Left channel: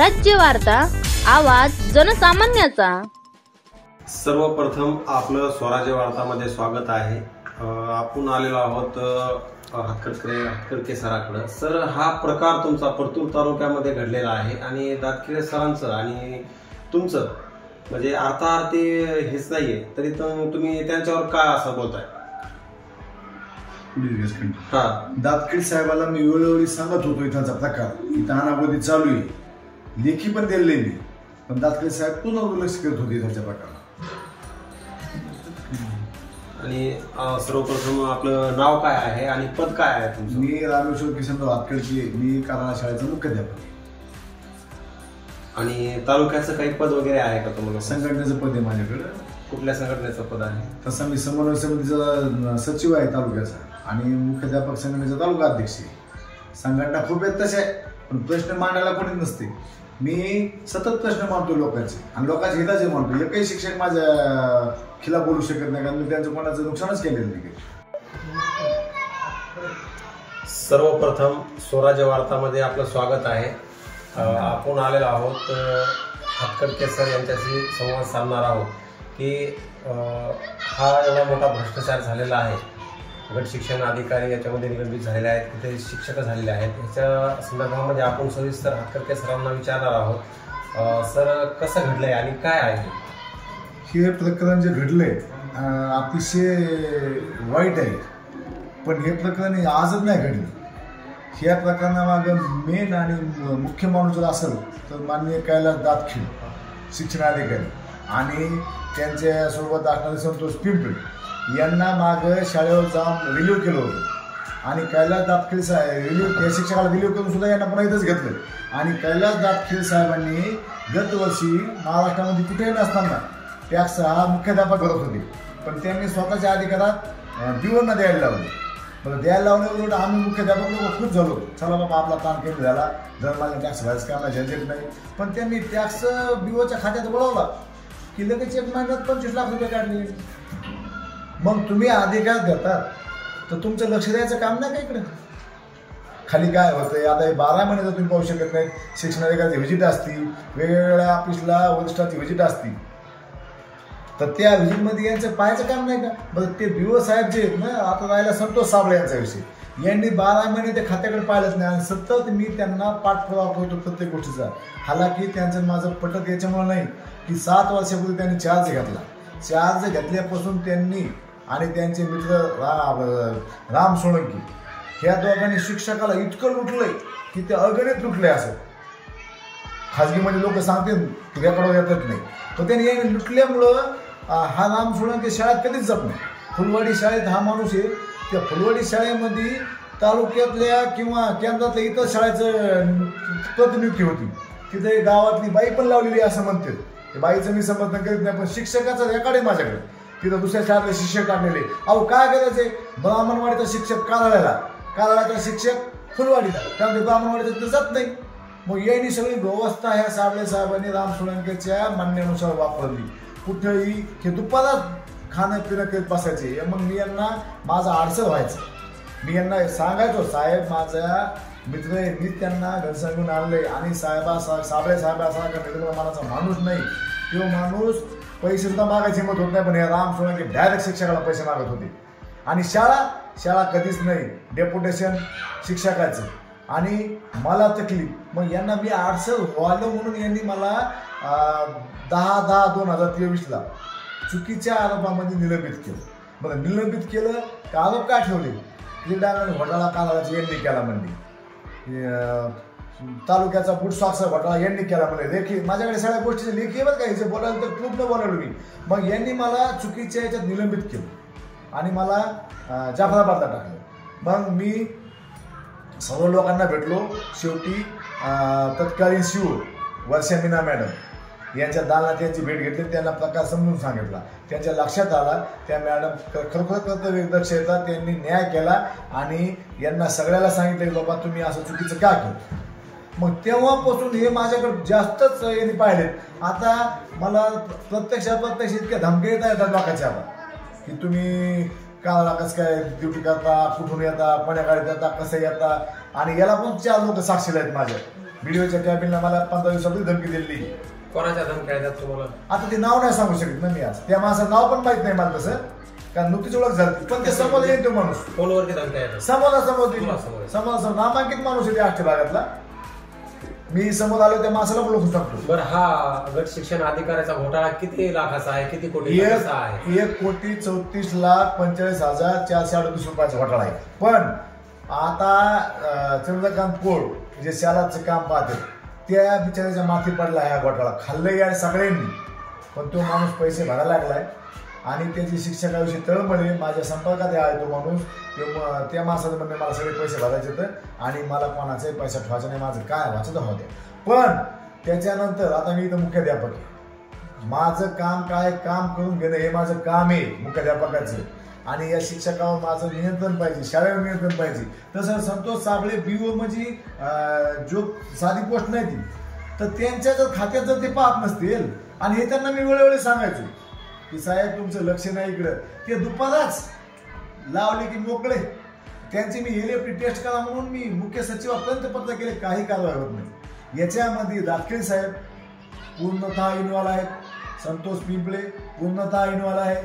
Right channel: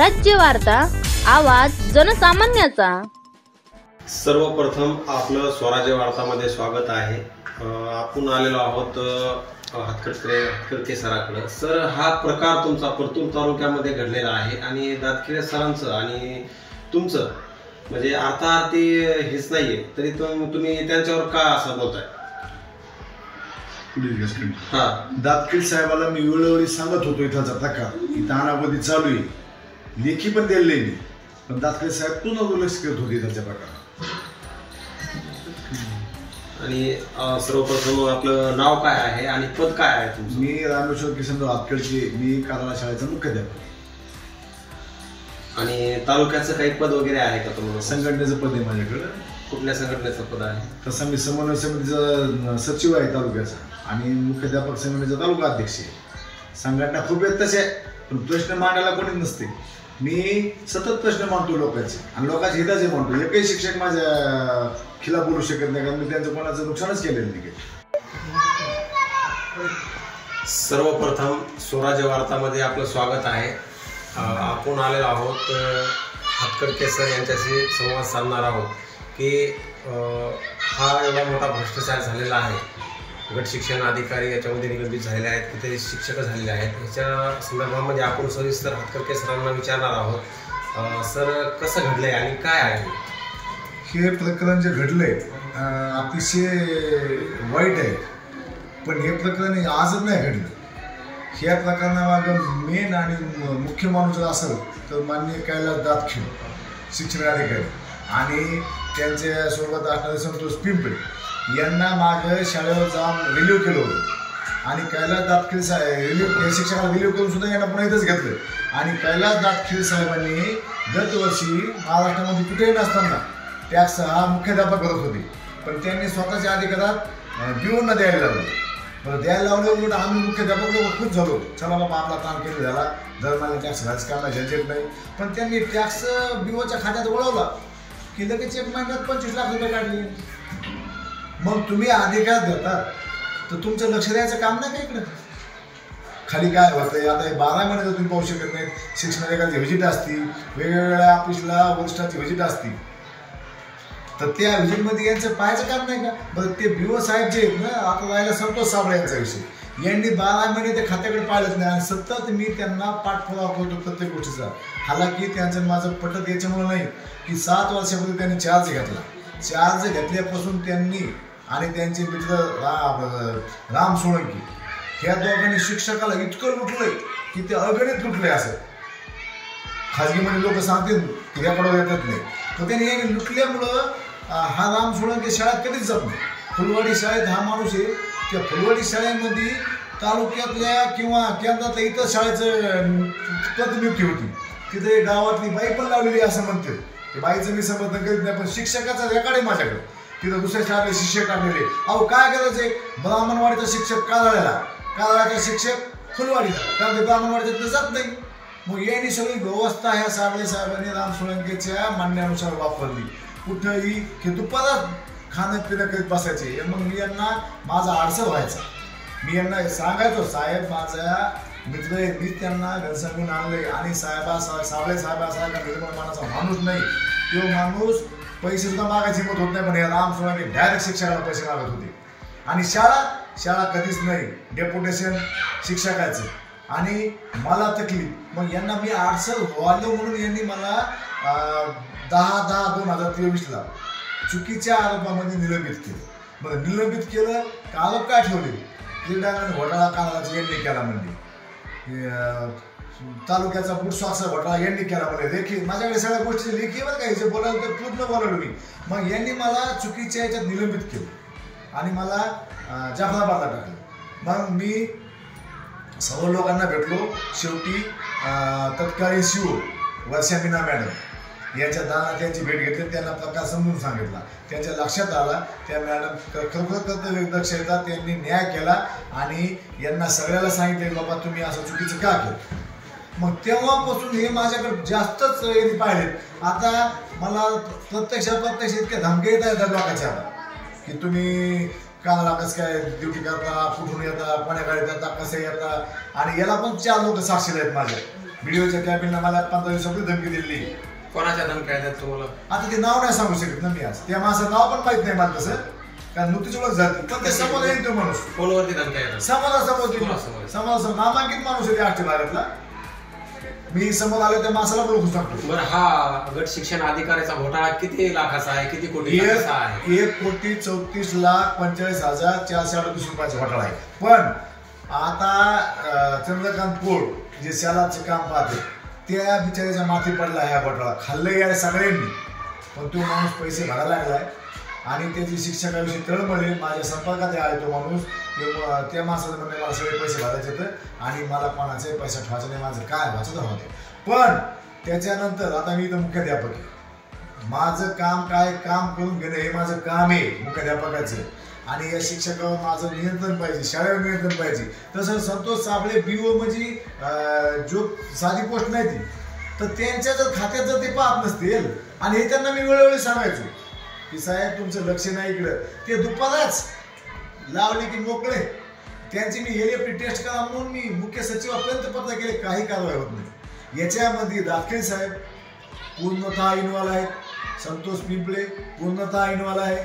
स्वराज्य वार्ता, आवाज जनसामान्याचा। सर्वप्रथम आपलं स्वराज्य वार्तामध्ये स्वागत आहे। आपण आलेलो आहोत हातकर्के सराकडे। सर, हा प्रकार तुमचा परतूर तालुक्यामध्ये घडलेला आहे आणि दातखिळे सरांचं आणि तुमचं म्हणजे अर्थार्थी हेच नाहीये, तरी तुम्ही त्यांच्यावर का असं बोलताय? दातखिळे साहेबाला मी वेळोवेळी सांगत होतो इथाचा प्रकार इथं अनागोदी चालू आहे, लेखी पण दिले मी, पण दातखिळे साहेब पुन्हा दुर्लक्ष करत होते इथाच्या प्रकारात। आणि सर्वप्रथम आपलं नाव काय आहे आणि पद काय आहे तुमचं? मी रामेश्वर किशनराव हातकर्के, मी काराळा शाळेचा मुख्याध्यापक। आणि तालुक्याचं काही पद वगैरे आहे का तुम्हाला? संघटनेचं पद आहे माझ्याकडे। कुठल्या संघटनेचं पद आहे? तसं मी समन्वय समितीचा सचिव आहे तालुक्याचा आणि मुख्याध्यापक संघटनेचा तालुका अध्यक्ष आहे। संघटना खूप आहेत तसे, पण प्रश्न मांडायला कोणी नसते। मी सतत प्रश्न मांडतो लोकांचे आणि लोकांच्या हिताचे मांडतो। एकही शिक्षक माझ्या खिलाफ बोलू शकत नाही, कारण मी त्यांचं कोणाचं नुकसानच केलेलं नाही। सर्वप्रथम स्वराज्य वार्तामध्ये आपलं स्वागत आहे। आपण आलेलो आहोत हातकर्के सर यांच्याशी संवाद साधणार आहोत की हा एवढा मोठा भ्रष्टाचार झालेला आहे, गट शिक्षण अधिकारी याच्यामध्ये निलंबित झालेले आहेत, तिथे शिक्षक झालेले आहेत, ह्याच्या संदर्भामध्ये आपण सविस्तर हातकर्के सरांना विचारणार आहोत। सर, कसं घडलंय आणि काय आहे हे प्रकरण? जे घडलंय अतिशय वाईट आहे, पण हे प्रकरण आजच नाही घडलं। ह्या प्रकरणामागं मेन आणि मुख्य माणूस जर असेल तर माननीय कैलास दातखिळे शिक्षणाधिकारी आणि त्यांच्यासोबत असणारे संतोष पिंपळे यांना मागं शाळेवर जाऊन रिलीव्ह केलं होतं आणि कैलास दातखिळे साहेब या शिक्षकाला रिलीव्ह करून सुद्धा यांना पुन्हा इथंच घेतलं। आणि कैलास दातखिळे साहेबांनी दरवर्षी महाराष्ट्रामध्ये कुठेही नसताना टॅक्स हा मुख्याध्यापक करत होते, पण त्यांनी स्वतःच्या अधिकारात बिओंना द्यायला लावले। बरं, द्यायला लावलं उलट आम्ही मुख्याध्यापक लोक खुश झालो, चला बाबा आपला काम केलं झाला, दरम्यान टॅक्स भरायचं काम नाही, झंझट नाही। पण त्यांनी टॅक्स बिओच्या खात्यात वळवला की लगेच एक महिन्यात 25 लाख रुपये काढले। मग तुम्ही अधिकार देतात तर तुमचं लक्ष द्यायचं काम नाही का इकडं? खाली काय होतंय आता हे 12 महिने जर तुम्ही पाहू शकत नाही, शिक्षणाधिकाऱ्याची व्हिजिट असती, वेगवेगळ्या ऑफिसला वरिष्ठाची व्हिजिट असती, तर त्या व्हिजिटमध्ये यांचं पाहायचं काम नाही का? बरं, ते बिओ साहेब जे आहेत ना, आता राहिला संतोष साबळे यांचा विषय, यांनी 12 महिने ते खात्याकडे पाहिलंच नाही आणि सतत मी त्यांना पाठपुरावा करतो प्रत्येक गोष्टीचा। हालाकी त्यांचं माझं पटत याच्यामुळे नाही की 7 वर्षापूर्वी त्यांनी चार्ज घेतला। चार्ज घेतल्यापासून त्यांनी आणि त्यांचे मित्र राम सोळंकी ह्या दोघांनी शिक्षकाला इतकं लुटलंय की ते अगणित लुटलंय। असं खाजगीमध्ये लोक सांगतील की याकडे येतच नाही, पण त्यांनी हे लुटल्यामुळं हा राम सोळंकी शाळेत कधीच जात नाही। फुलवाडी शाळेत हा माणूस आहे, त्या फुलवाडी शाळेमध्ये तालुक्यातल्या किंवा केंद्रातल्या इतर शाळेचं प्रतिनियुक्ती होती, तिथे गावातली बाई पण लावलेली असं म्हणते। बाईचं मी समर्थन करीत नाही, पण शिक्षकाचा रेकॉर्ड आहे माझ्याकडे, तिथं दुसऱ्या शाळेतले शिक्षक टाकलेले। अहो काय करायचंय, ब्राह्मणवाडीचा शिक्षक काराळ्याचा शिक्षक फुलवाडीला, कारण ते ब्राह्मणवाडीचा तिथे जात नाही। मग यांनी सगळी व्यवस्था ह्या साबळे साहेबांनी राम सोळंकेच्या म्हणण्यानुसार वापरली। कुठंही हे दुपारात खाणं पिणं करीत बसायचे। मग मी यांना माझा अडचण व्हायचा, मी यांना सांगायचो साहेब माझा मित्र आहे, मी त्यांना घनसांगून आणलंय आणि साबळे साहेबासारखा निर्मळमानाचा माणूस नाही, तो माणूस पैसे सुद्धा मागायची हिंमत होत नाही, पण हे राम सोळंके डायरेक्ट शिक्षकाला पैसे मागत होते। आणि शाळा कधीच नाही, डेप्युटेशन शिक्षकाचं आणि मला तकलीफ। मग यांना मी अडचण व्हायला म्हणून यांनी मला 10/10/2023 चुकीच्या आरोपामध्ये निलंबित केलं। बरं, निलंबित केलं का आरोप काय ठेवले? क्रीडांगण घोटाळा कानाचा यांनी केला म्हणजे, तालुक्याचा बुटसॉक्सचा घोटाळा यांनी केला म्हणजे, लेखी माझ्याकडे सगळ्या गोष्टी लेखी बरं का, जे बोलायला तर पूर्ण बोलावलं मी। मग यांनी मला चुकीच्या याच्यात निलंबित केलं आणि मला जाफराबादला टाकलं। मग मी सर्व लोकांना भेटलो, शेवटी तत्कालीन शिव वर्षा मीना मॅडम यांच्या दालनात त्यांची भेट घेतली, त्यांना प्रकार समजून सांगितला, त्यांच्या लक्षात आला, त्या मॅडम खरोखर कर्तव्यदक्ष येतात, त्यांनी न्याय केला आणि यांना सगळ्याला सांगितलं बाबा तुम्ही असं चुकीचं का केलं। मग तेव्हापासून हे माझ्याकडे जास्तच यांनी पाहिलेत। आता मला प्रत्यक्ष इतक्या धमक्या येतात लोकांच्या आता की तुम्ही कामाला कसं काय ड्युटी करता, कुठून येता, कोण्या गाडीत येता, कसं येता, आणि याला पण 4 लोक साक्षीला आहेत माझ्या व्हिडिओच्या कॅबिनला मला 15-20 रुपये धमकी दिली. कोणाच्या धमक्या आहेत तुम्हाला? आता ते नाव नाही सांगू शकत ना मी आज. त्या माणसाचं नाव पण माहित नाही मला तसं, कारण नुकतीच ओळख झाली. पण ते समोर येईल तो माणूस. फोनवरती धमक्या आहेत? समाजासमोर नामांकित माणूस आहे त्या भागातला. मी समोर आलो त्या माणसाला बोलू शकतो. बरं, हा गट शिक्षण अधिकाऱ्याचा घोटाळा किती लाखाचा आहे, किती कोटी आहे? 1,34,45,438 रुपयाचा घोटाळा आहे. पण आता चंद्रकांत पोळ जे शालाचे काम पाहते त्या बिचाऱ्याच्या माथी पडला हा घोटाळा. खाल्लं या सगळ्यांनी, पण तो माणूस पैसे भरायला लागलाय आणि त्याची शिक्षकाविषयी तळमळे. माझ्या संपर्कात आहे तो माणूस. त्या माणसाचं म्हणणे मला सगळे पैसे भरायचे तर आणि मला कोणाचाही पैसा ठेवायचा नाही, माझं काय व्हायचं तर होते. पण त्याच्यानंतर आता मी इथं मुख्याध्यापक आहे. माझं काम काय, काम करून घेणं हे माझं काम आहे मुख्याध्यापकाचं. आणि या शिक्षकावर माझं नियंत्रण पाहिजे, शाळेवर नियंत्रण पाहिजे. तसं संतोष साबळे BO म्हणजे जो साधी पोस्ट नाही ती, तर त्यांच्या जर खात्यात जर ते पाहत नसतील आणि हे त्यांना मी वेळोवेळी सांगायचो की साहेब तुमचं लक्ष नाही इकडं, ते दुपाराच लावले की मोकळे. त्यांची मी LFT टेस्ट करा म्हणून मी मुख्य सचिवापर्यंत पत्र केले, काही कारवाई होत नाही. याच्यामध्ये दाखले साहेब पूर्णतः इन्व्हॉल्व आहेत, संतोष पिंपळे पूर्णतः इन्व्हॉल्व आहे,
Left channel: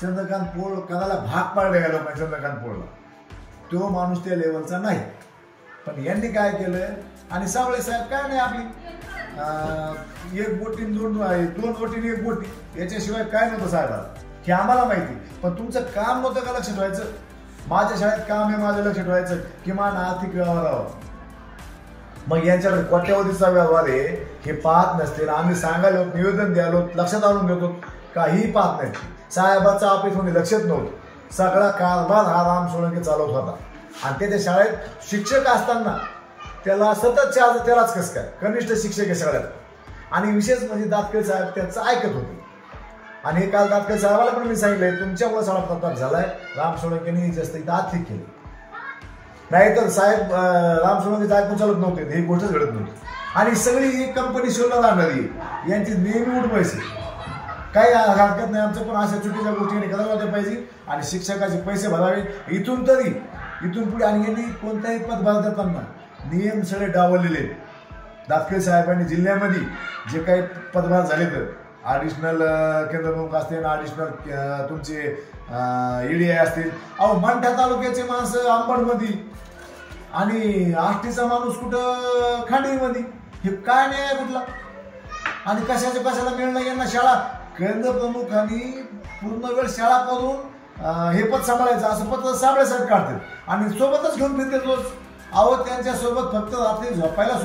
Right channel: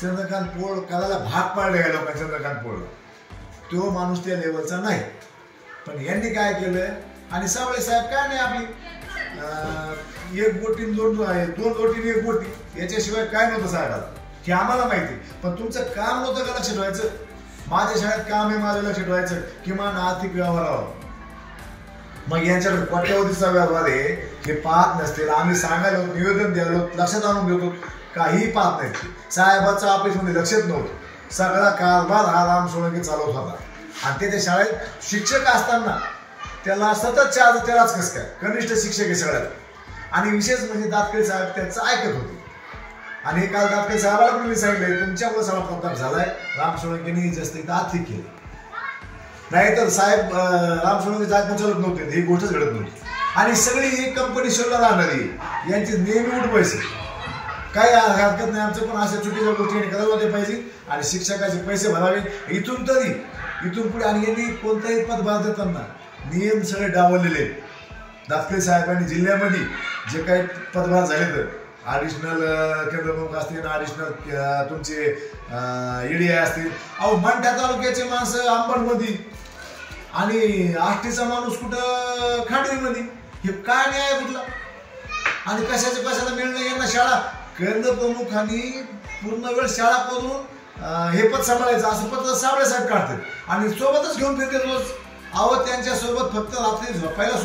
चंद्रकांत पोळ करायला भाग पाडले गेलो का चंद्रकांत पोळ, तो माणूस त्या लेवलचा नाही. पण यांनी काय केलंय आणि साबळे साहेब काय नाही आपली एक बोटी दोन बोटीने एक बोटी, याच्याशिवाय काय नव्हतं साहेबाला हे आम्हाला माहिती. पण तुमचं काम नव्हतं का लक्ष ठेवायचं? माझ्या शाळेत काम आहे माझं लक्ष ठेवायचं, किमान आर्थिक व्यवहारावर. मग यांच्याकडे कोट्यवधीचा व्यवहार आहे हे पाहत नसतील. आम्ही सांगायला निवेदन द्यायलो, लक्षात आणून देतो, काही पाहत नाही. साहेबाच्या ऑफिसमध्ये लक्षच नव्हतं. सगळा कारभार हा राम सोळंके चालवत होता आणि त्याच्या शाळेत शिक्षक असताना त्याला सतत 4-13 कसं काय कनिष्ठ शिक्षक आहे सगळ्यात. आणि विशेष म्हणजे दातके साहेब त्यांचं ऐकत होते. आणि काल दातके साहेबाला पण मी सांगितलंय तुमच्यामुळे सगळा प्रताप झालाय, राम सोळंकेने जास्त इथं आर्थिक केली. नाहीतर साहेब राम सोळंके ऐकून चालत नव्हते, ही गोष्टच घडत नव्हती. आणि सगळी ही कंपनी शोधला राहणारी यांची नेहमी उठ पैसे, काही हरकत नाही आमचं, पण अशा चुकीच्या गोष्टी करायला नव्हत्या पाहिजे. आणि शिक्षकाचे पैसे भरावे इथून पुढे. आणि यांनी कोणताही पद भरताना नियम सगळे डावललेले. दातके साहेबांनी जिल्ह्यामध्ये जे काही पदभार झाले तर ॲडिशनल केंद्रप्रमुख असतील, ॲडिशनल तुमचे EDI असतील. अहो मंठा तालुक्याचे माणसं अंबडमध्ये आणि आष्टीचा माणूस कुठं खांडवीमध्ये, हे काय नाही कुठला. आणि कशाला मिळणं यांना शाळा केंद्रप्रमुखांनी पूर्ण वेळ शाळा करून हे पद सांभाळायचं असं पद साबळे साहेब काढतात आणि सोबतच घेऊन फिरतात रोज. अहो त्यांच्या सोबत फक्त रात्री झोपायला